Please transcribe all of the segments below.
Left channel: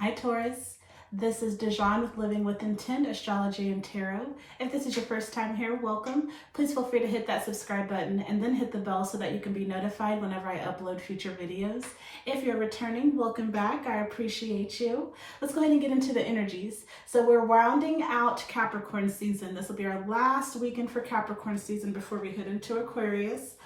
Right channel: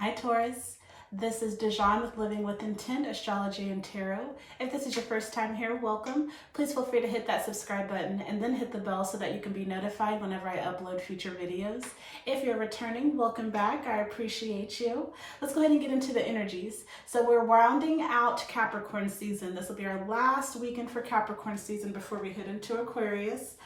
Hi Taurus, this is Dijon with Living with Intent, Astrology and Tarot. If this is your first time here, welcome. Please feel free to hit that subscribe button and then hit the bell so that you can be notified whenever I upload future videos. If you're returning, welcome back. I appreciate you. Let's go ahead and get into the energies. So we're rounding out Capricorn season. This will be our last weekend for Capricorn season before we head into Aquarius.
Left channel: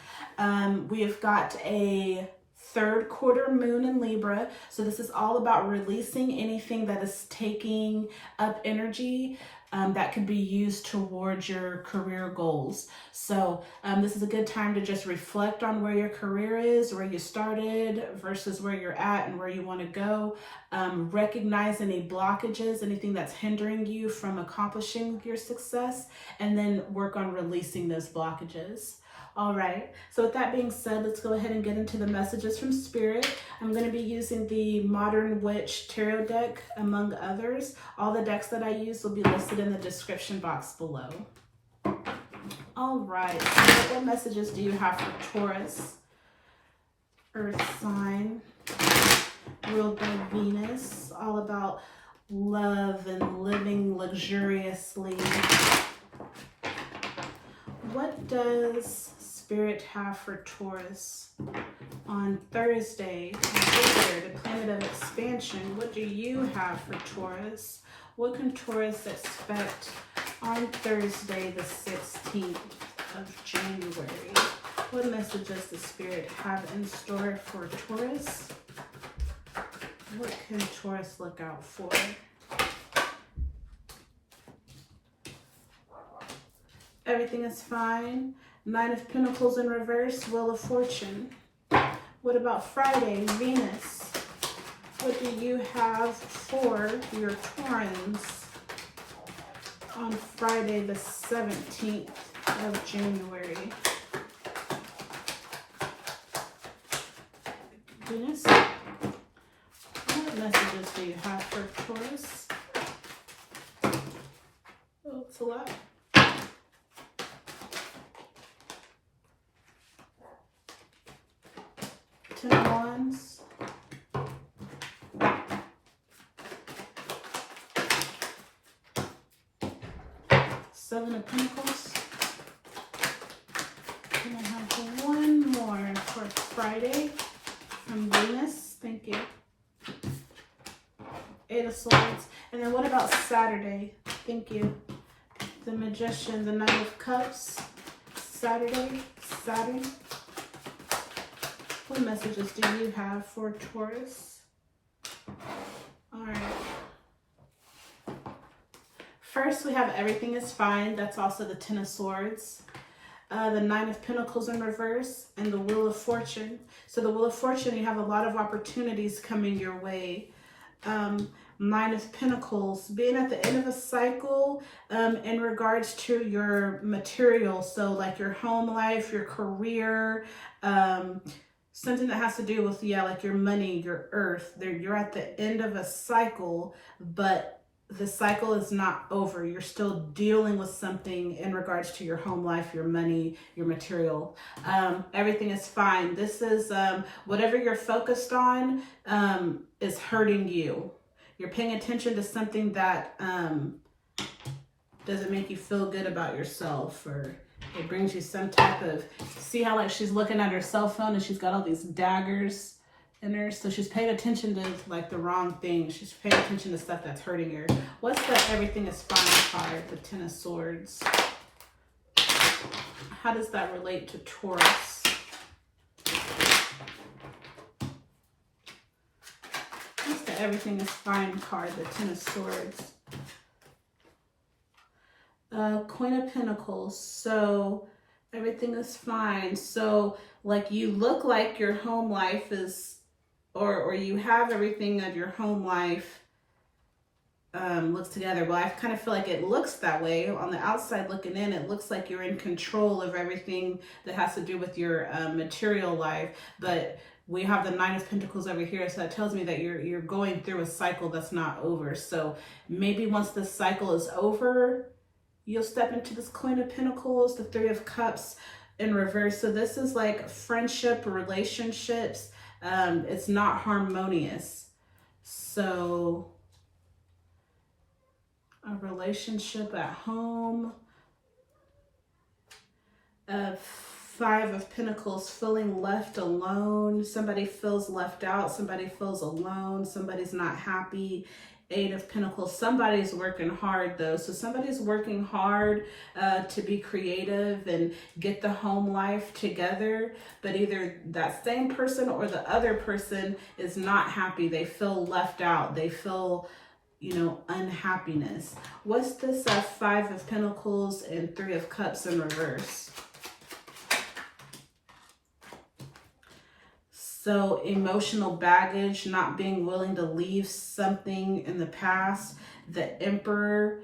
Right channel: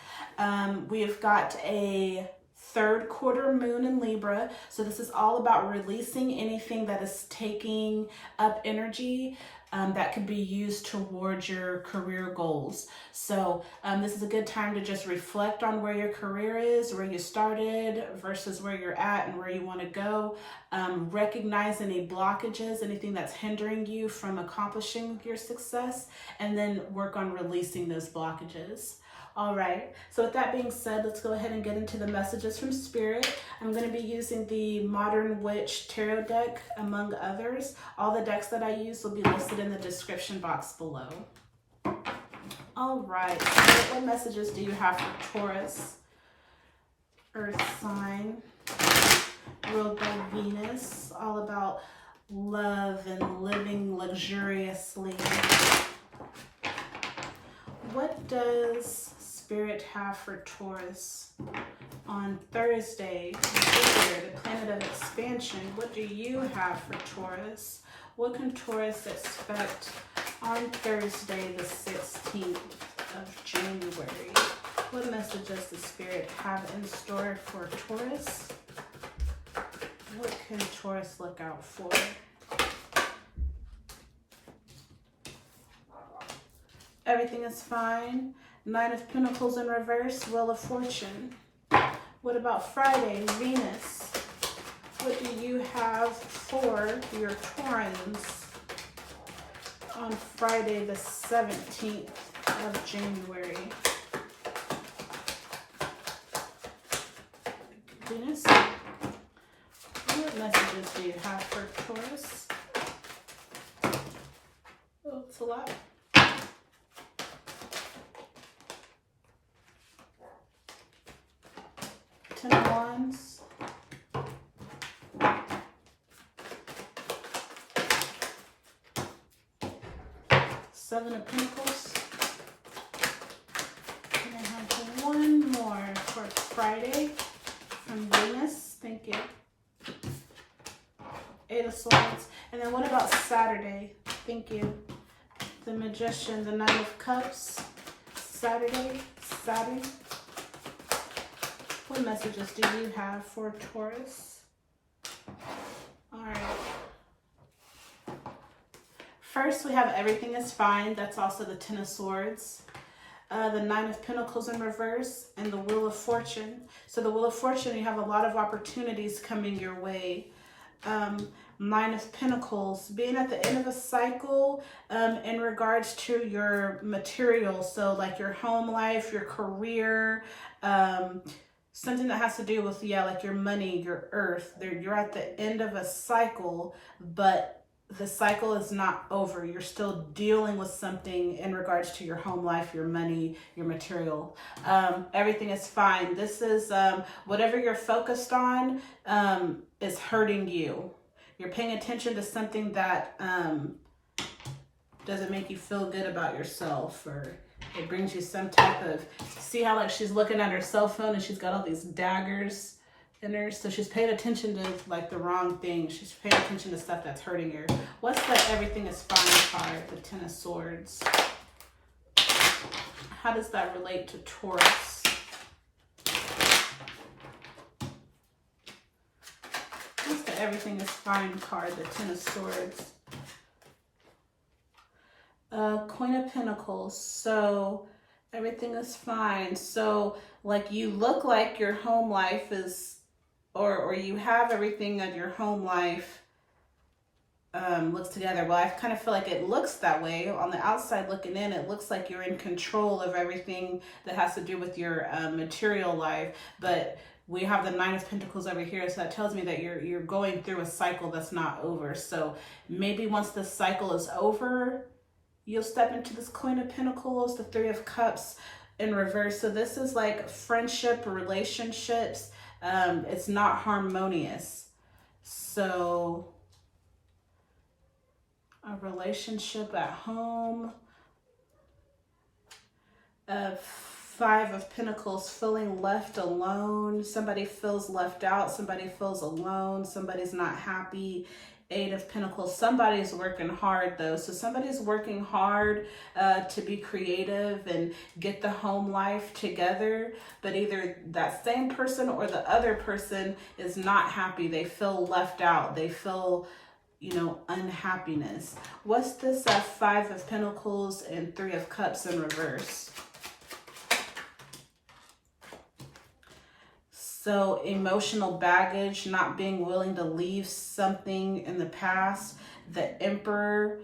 We have got a third quarter moon in Libra. So this is all about releasing anything that is taking up energy that could be used towards your career goals. So this is a good time to just reflect on where your career is, where you started versus where you're at and where you want to go. Recognize any blockages, anything that's hindering you from accomplishing your success, and then work on releasing those blockages. All right, so with that being said, let's go ahead and get into the messages from Spirit. I'm going to be using the Modern Witch Tarot deck, among others. All the decks that I use will be listed in the description box below. All right, so what messages do you have for Taurus? Earth sign, ruled by Venus, all about love and living luxuriously. What does Spirit have for Taurus on Thursday, Jupiter, the planet of expansion? What do you have for Taurus? What can Taurus expect on Thursday, the 16th of January? What message does the Spirit have in store for Taurus? What can Taurus look out for? Everything is fine. Nine of Pentacles in reverse, Wheel of Fortune. What about Friday, Venus? What do you have for your Taurans on Friday, the 17th of January? Venus, what messages do you have for Taurus? Oh, it's a lot. Ten of Wands, Seven of Pentacles. And I have one more for Friday from Venus. Thank you. Eight of Swords. And then what about Saturday? Thank you. The Magician, the Nine of Cups. Saturday, Saturn. What messages do you have for Taurus? All right. First, we have Everything is Fine. That's also the Ten of Swords. The Nine of Pentacles in reverse, and the Wheel of Fortune. So the Wheel of Fortune, you have a lot of opportunities coming your way. Nine of Pentacles, being at the end of a cycle in regards to your material. So like your home life, your career, something that has to do with, like your money, your earth. You're at the end of a cycle, but the cycle is not over. You're still dealing with something in regards to your home life, your money, your material. Everything is fine. This is whatever you're focused on is hurting you. You're paying attention to something that doesn't make you feel good about yourself, or it brings you some type of, see how like she's looking at her cell phone and she's got all these daggers in her. So she's paying attention to like the wrong thing. She's paying attention to stuff that's hurting her. What's the Everything is Fine card, the Ten of Swords? How does that relate to Taurus? What's the Everything is Fine card, the Ten of Swords? Queen of Pentacles. So everything is fine. So like you look like your home life is, or you have everything of your home life looks together. Well, I kind of feel like it looks that way. On the outside looking in, it looks like you're in control of everything that has to do with your material life. But we have the Nine of Pentacles over here, so that tells me that you're going through a cycle that's not over. So maybe once this cycle is over, you'll step into this Queen of Pentacles, the Three of Cups in reverse. So this is like friendship, relationships. It's not harmonious. So a relationship at home, a Five of Pentacles, feeling left alone. Somebody feels left out. Somebody feels alone. Somebody's not happy. Eight of Pentacles. Somebody's working hard though. So somebody's working hard to be creative and get the home life together. But either that same person or the other person is not happy. They feel left out. They feel, you know, unhappiness. What's this Five of Pentacles and Three of Cups in reverse? So emotional baggage, not being willing to leave something in the past. The Emperor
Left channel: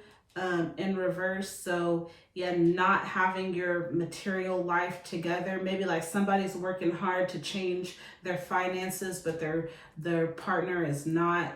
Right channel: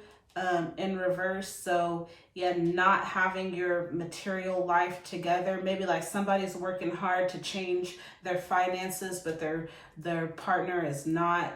in reverse. So yeah, not having your material life together. Maybe like somebody's working hard to change their finances, but their partner is not.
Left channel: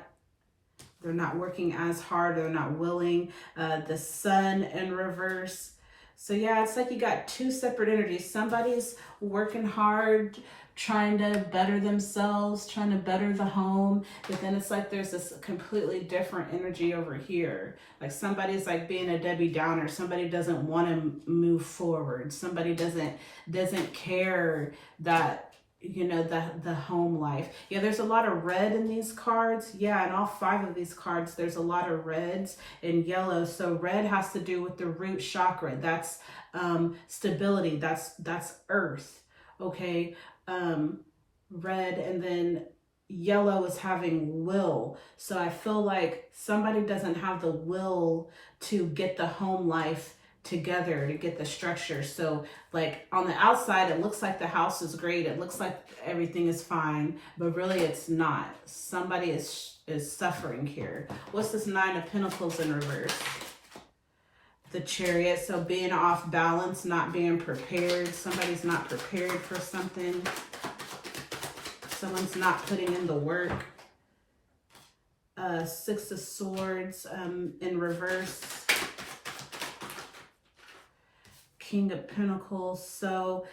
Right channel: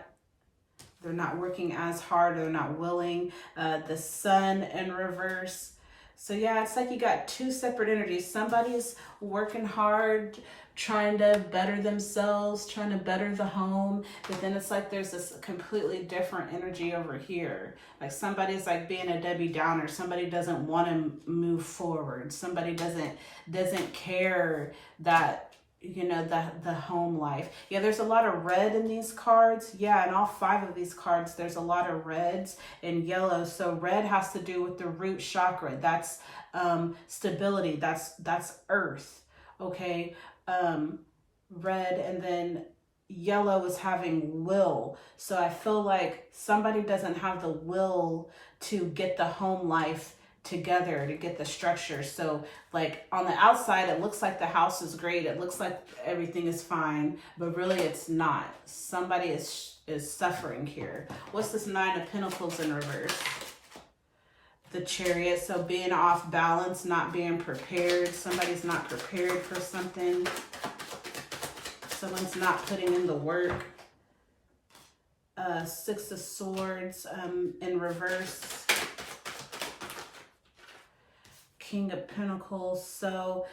They're not working as hard. They're not willing. The Sun in reverse. So yeah, it's like you got two separate energies. Somebody's working hard, trying to better themselves, trying to better the home. But then it's like there's this completely different energy over here. Like somebody's like being a Debbie Downer. Somebody doesn't want to move forward. Somebody doesn't care that, you know, the home life. Yeah, there's a lot of red in these cards. Yeah, and all five of these cards, there's a lot of reds and yellow. So red has to do with the root chakra. That's stability. That's earth. Okay. Red, and then yellow is having will. So I feel like somebody doesn't have the will to get the home life together, to get the structure. So like on the outside, it looks like the house is great. It looks like everything is fine, but really it's not. Somebody is suffering here. What's this Nine of Pentacles in reverse? The Chariot. So being off balance, not being prepared. Somebody's not prepared for something. Someone's not putting in the work. Six of Swords in reverse. King of Pentacles. So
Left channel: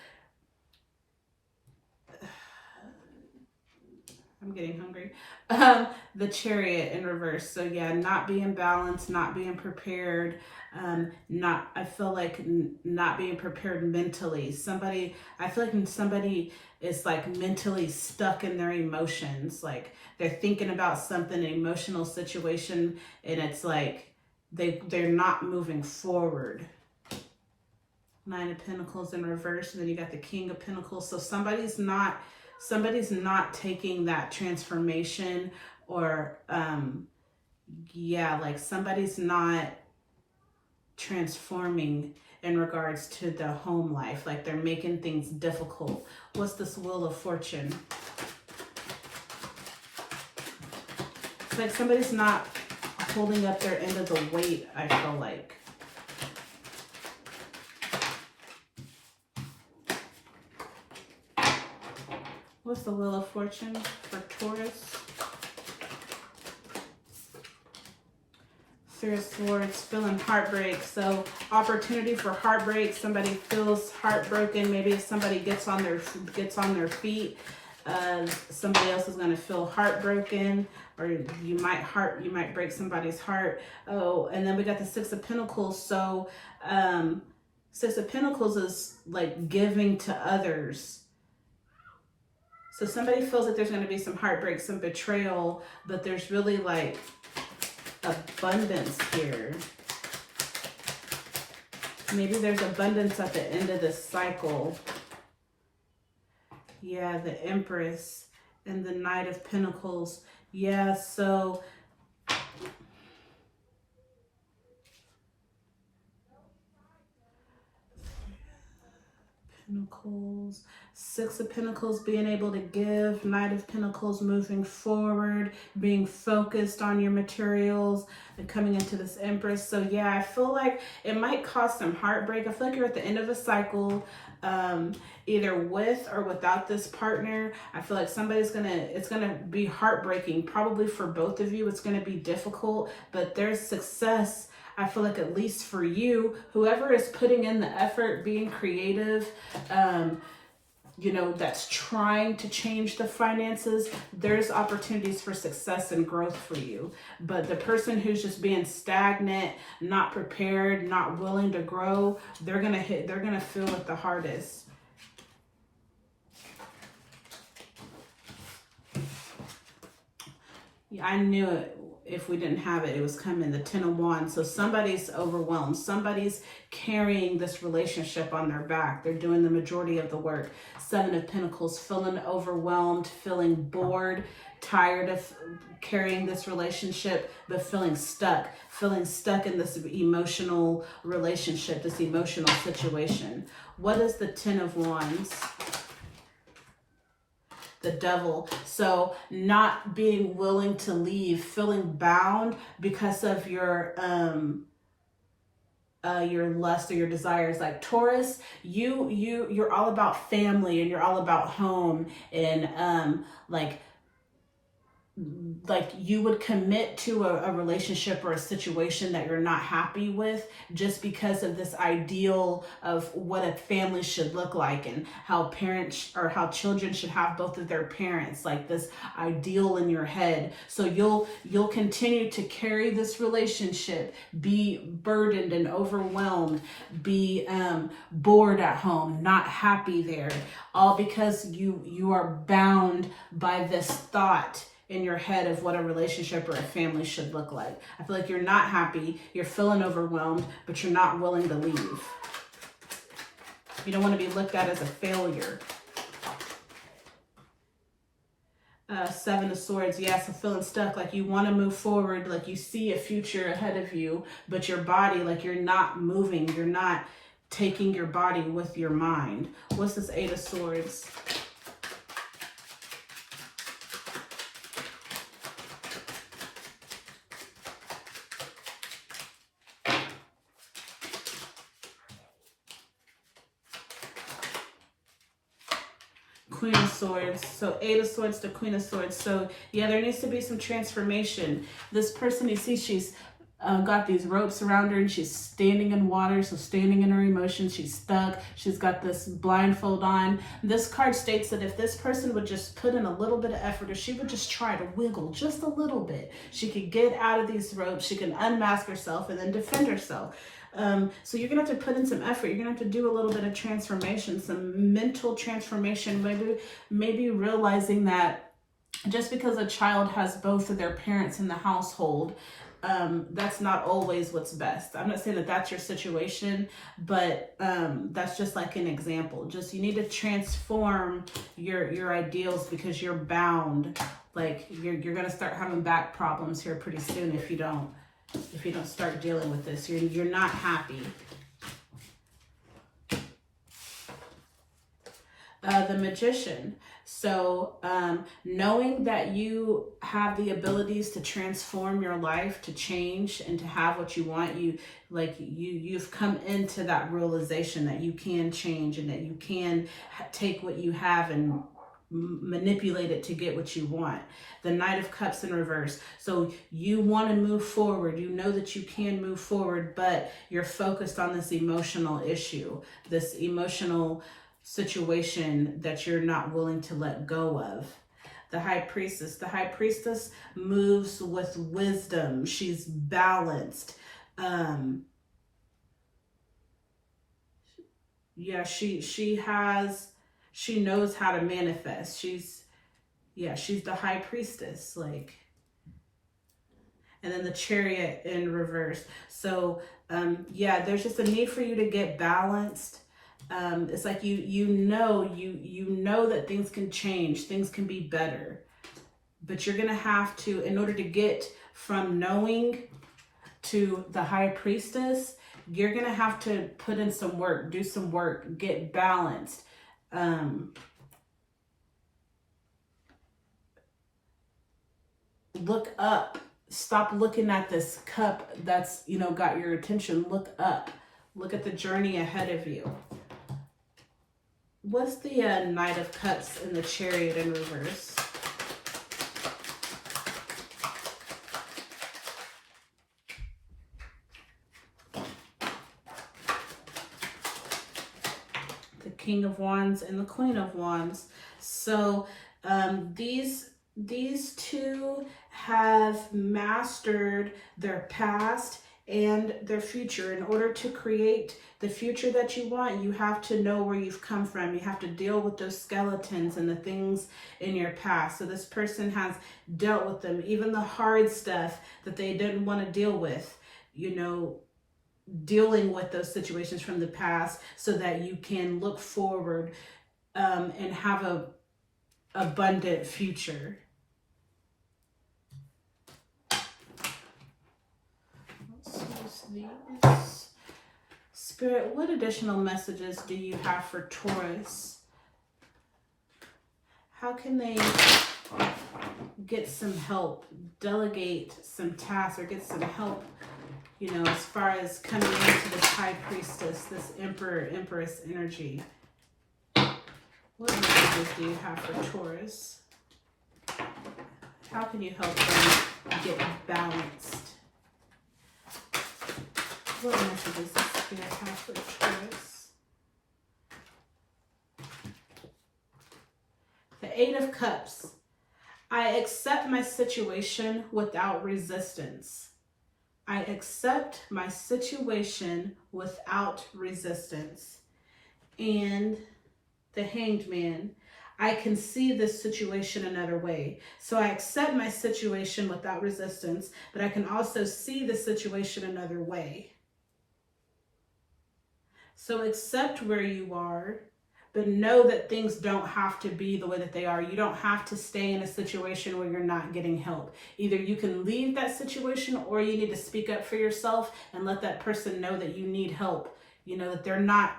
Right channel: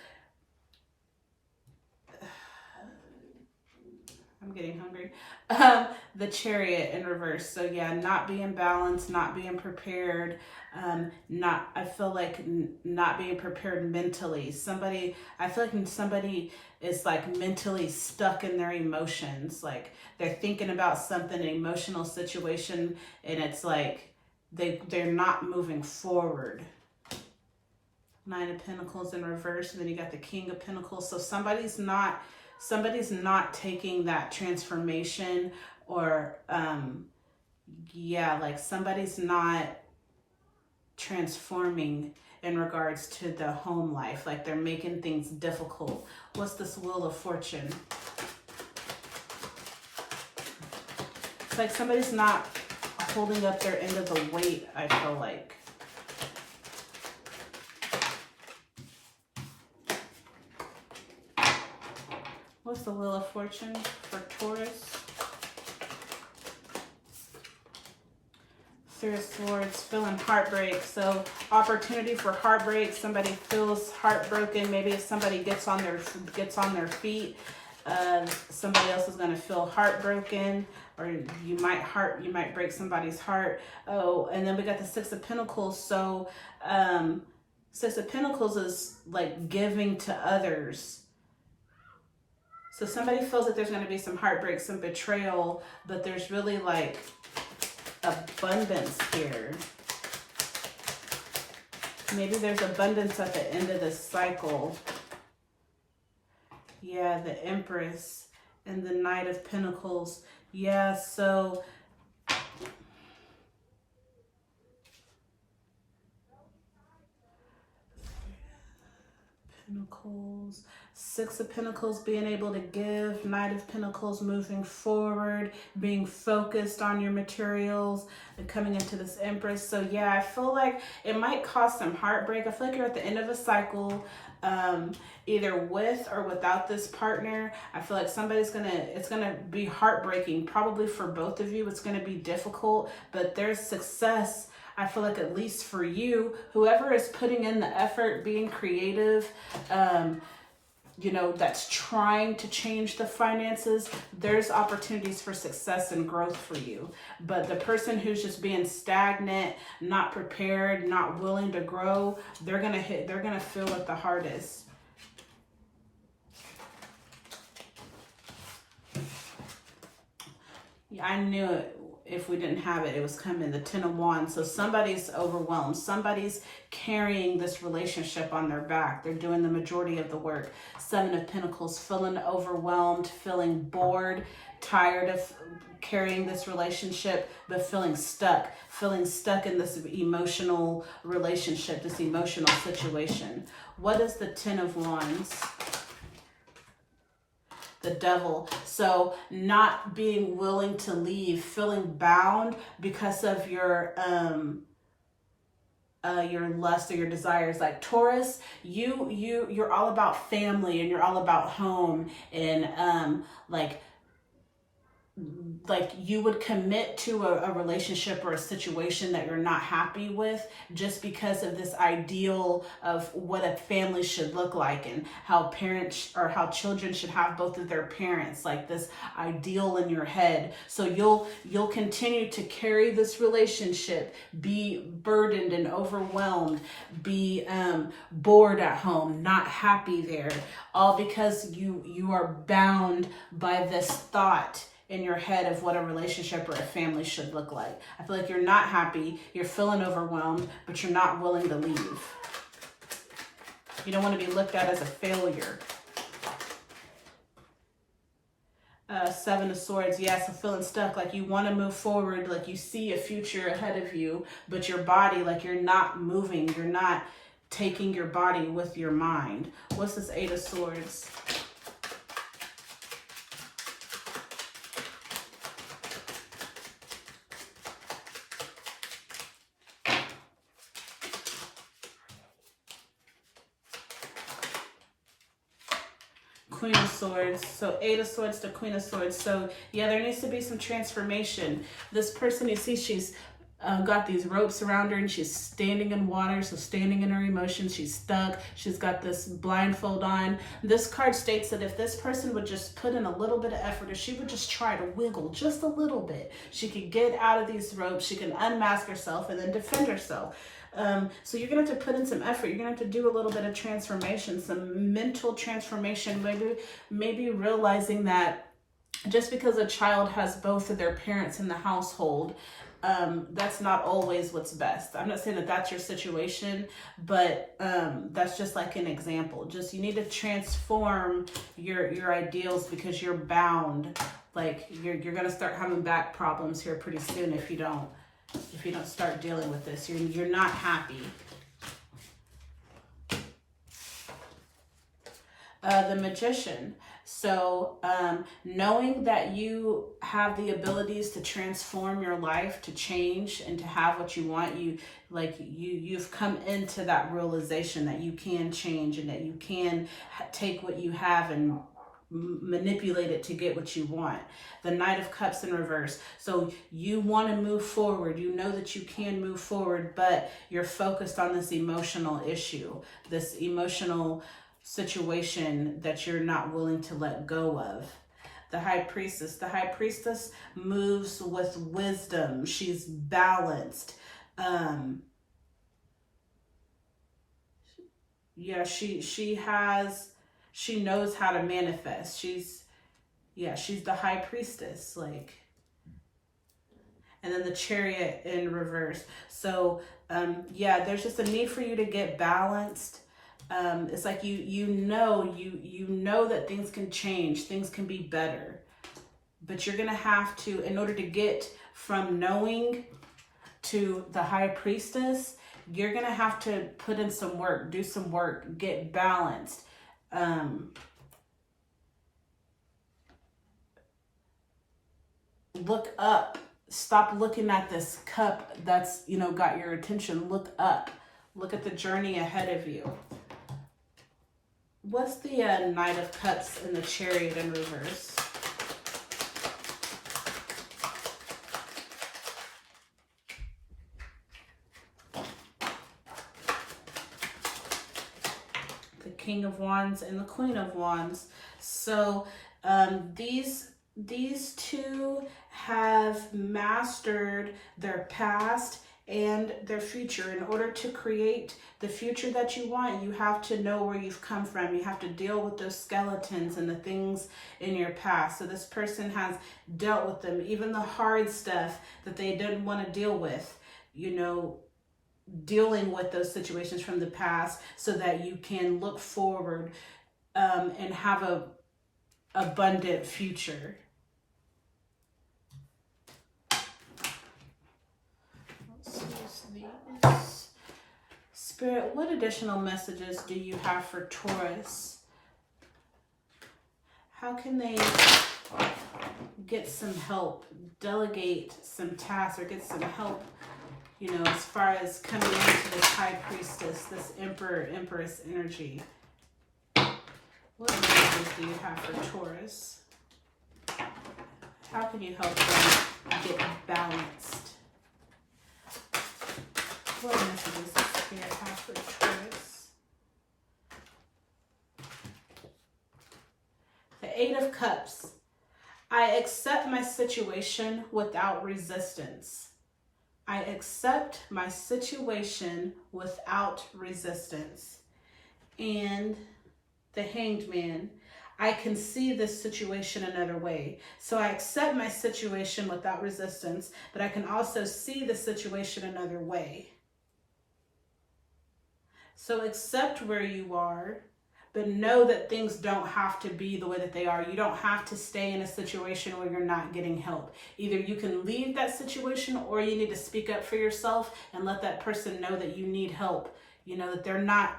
I'm getting hungry. The Chariot in reverse. So yeah, not being balanced, not being prepared. I feel like not being prepared mentally. I feel like somebody is like mentally stuck in their emotions. Like they're thinking about something, an emotional situation, and it's like they're not moving forward. Nine of Pentacles in reverse, and then you got the King of Pentacles. So somebody's not taking that transformation, or yeah, like somebody's not transforming in regards to the home life. Like they're making things difficult. What's this Wheel of Fortune? It's like somebody's not holding up their end of the weight, I feel like. What's the Wheel of Fortune for Taurus? Three of Swords, feeling heartbreak. So opportunity for heartbreak. Somebody feels heartbroken. Maybe if somebody gets on their feet, somebody else is going to feel heartbroken, or you might break somebody's heart. Oh, and then we got the Six of Pentacles. So Six of Pentacles is like giving to others. So somebody feels that there's going to be some heartbreak, some betrayal, but there's really like abundance here. Maybe there's abundance at the end of this cycle. Yeah, the Empress and the Knight of Pentacles. Yeah, so Pentacles, Six of Pentacles, being able to give, Knight of Pentacles, moving forward, being focused on your materials, and coming into this Empress. So yeah, I feel like it might cause some heartbreak. I feel like you're at the end of a cycle, either with or without this partner. I feel like it's gonna be heartbreaking, probably for both of you. It's gonna be difficult, but there's success. I feel like at least for you, whoever is putting in the effort, being creative, you know, that's trying to change the finances, there's opportunities for success and growth for you. But the person who's just being stagnant, not prepared, not willing to grow, they're going to feel it the hardest. Yeah, I knew it. If we didn't have it, it was coming. The 10 of Wands. So somebody's overwhelmed. Somebody's carrying this relationship on their back. They're doing the majority of the work. 7 of Pentacles, feeling overwhelmed, feeling bored, tired of carrying this relationship, but feeling stuck in this emotional relationship, this emotional situation. What is the 10 of Wands? The Devil. So not being willing to leave, feeling bound because of your lust or your desires. Like Taurus, you're all about family and you're all about home, and like you would commit to a relationship or a situation that you're not happy with just because of this ideal of what a family should look like and how parents or how children should have both of their parents, like this ideal in your head. So you'll continue to carry this relationship, be burdened and overwhelmed, be bored at home, not happy there, all because you are bound by this thought in your head of what a relationship or a family should look like. I feel like you're not happy, you're feeling overwhelmed, but you're not willing to leave. You don't want to be looked at as a failure. 7 of Swords, yeah, so feeling stuck, like you want to move forward, like you see a future ahead of you, but your body, like you're not moving, you're not taking your body with your mind. What's this 8 of Swords? Queen of Swords. So 8 of Swords to Queen of Swords. So yeah, there needs to be some transformation. This person, you see, she's got these ropes around her and she's standing in water. So standing in her emotions, she's stuck. She's got this blindfold on. This card states that if this person would just put in a little bit of effort, if she would just try to wiggle just a little bit, she could get out of these ropes. She can unmask herself and then defend herself. So you're gonna have to put in some effort. You're gonna have to do a little bit of transformation, some mental transformation, maybe realizing that just because a child has both of their parents in the household, that's not always what's best. I'm not saying that that's your situation, but that's just like an example. Just you need to transform your ideals because you're bound. Like you're gonna start having back problems here pretty soon if you don't start dealing with this. You're not happy. The Magician. So knowing that you have the abilities to transform your life, to change and to have what you want, you've come into that realization that you can change and that you can take what you have and manipulate it to get what you want. The Knight of Cups in reverse. So you want to move forward. You know that you can move forward, but you're focused on this emotional issue, this emotional situation that you're not willing to let go of. The High Priestess. The High Priestess moves with wisdom. She's balanced. Yeah, she knows how to manifest. She's the High Priestess, like. And then the Chariot in reverse. So yeah, there's just a need for you to get balanced. It's like you know that things can change, things can be better, but you're gonna have to, in order to get from knowing to the High Priestess, you're gonna have to put in some work, do some work, get balanced. Look up. Stop looking at this cup that's, got your attention. Look up. Look at the journey ahead of you. What's the Knight of Cups and the Chariot in reverse? The King of Wands and the Queen of Wands. So these two have mastered their past and their future. In order to create the future that you want, you have to know where you've come from. You have to deal with those skeletons and the things in your past. So this person has dealt with them, even the hard stuff that they didn't want to deal with, you know, dealing with those situations from the past so that you can look forward and have a abundant future. Let's use these. Spirit, what additional messages do you have for Taurus? How can they get some help, delegate some tasks, or get some help, you know, as far as coming into this High Priestess, this Emperor, Empress energy? What messages do you have for Taurus? How can you help them get balanced? What messages does Spirit have for Taurus? The Eight of Cups. I accept my situation without resistance. I accept my situation without resistance. And the Hanged Man. I can see this situation another way. So I accept my situation without resistance, but I can also see the situation another way. So accept where you are, but know that things don't have to be the way that they are. You don't have to stay in a situation where you're not getting help. Either you can leave that situation, or you need to speak up for yourself and let that person know that you need help. You know, that they're not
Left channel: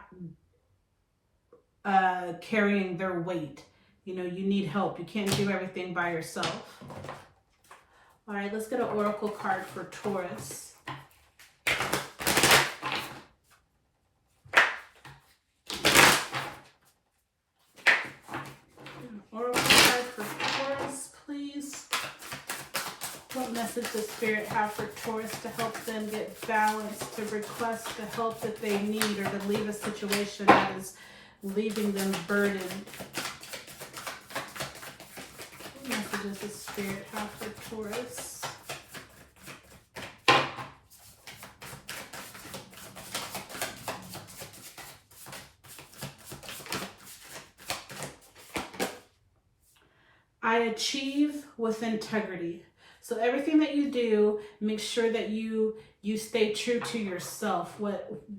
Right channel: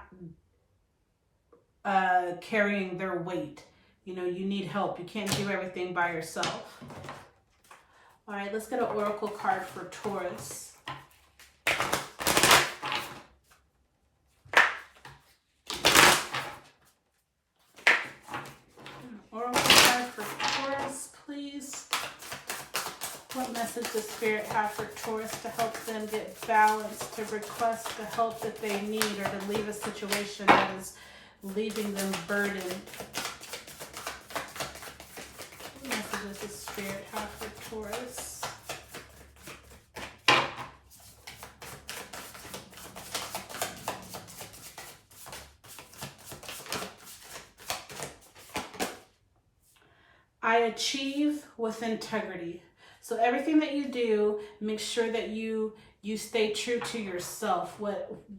carrying their weight. You know, you need help. You can't do everything by yourself. All right, let's get an oracle card for Taurus. Oracle card for Taurus, please. What message does Spirit have for Taurus to help them get balanced, to request the help that they need, or to leave a situation that is leaving them burdened? What messages does Spirit have for Taurus? I achieve with integrity. So everything that you do, make sure that you stay true to yourself,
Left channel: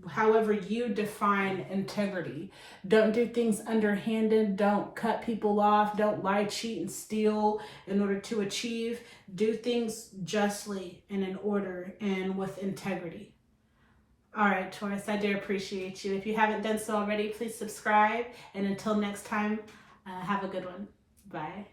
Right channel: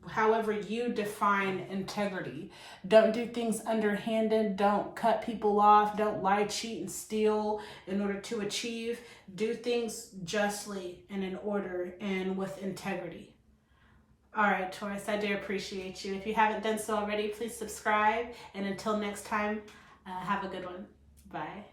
however you define integrity. Don't do things underhanded. Don't cut people off. Don't lie, cheat, and steal in order to achieve. Do things justly and in order and with integrity. All right, Taurus, I do appreciate you. If you haven't done so already, please subscribe. And until next time, have a good one. Bye.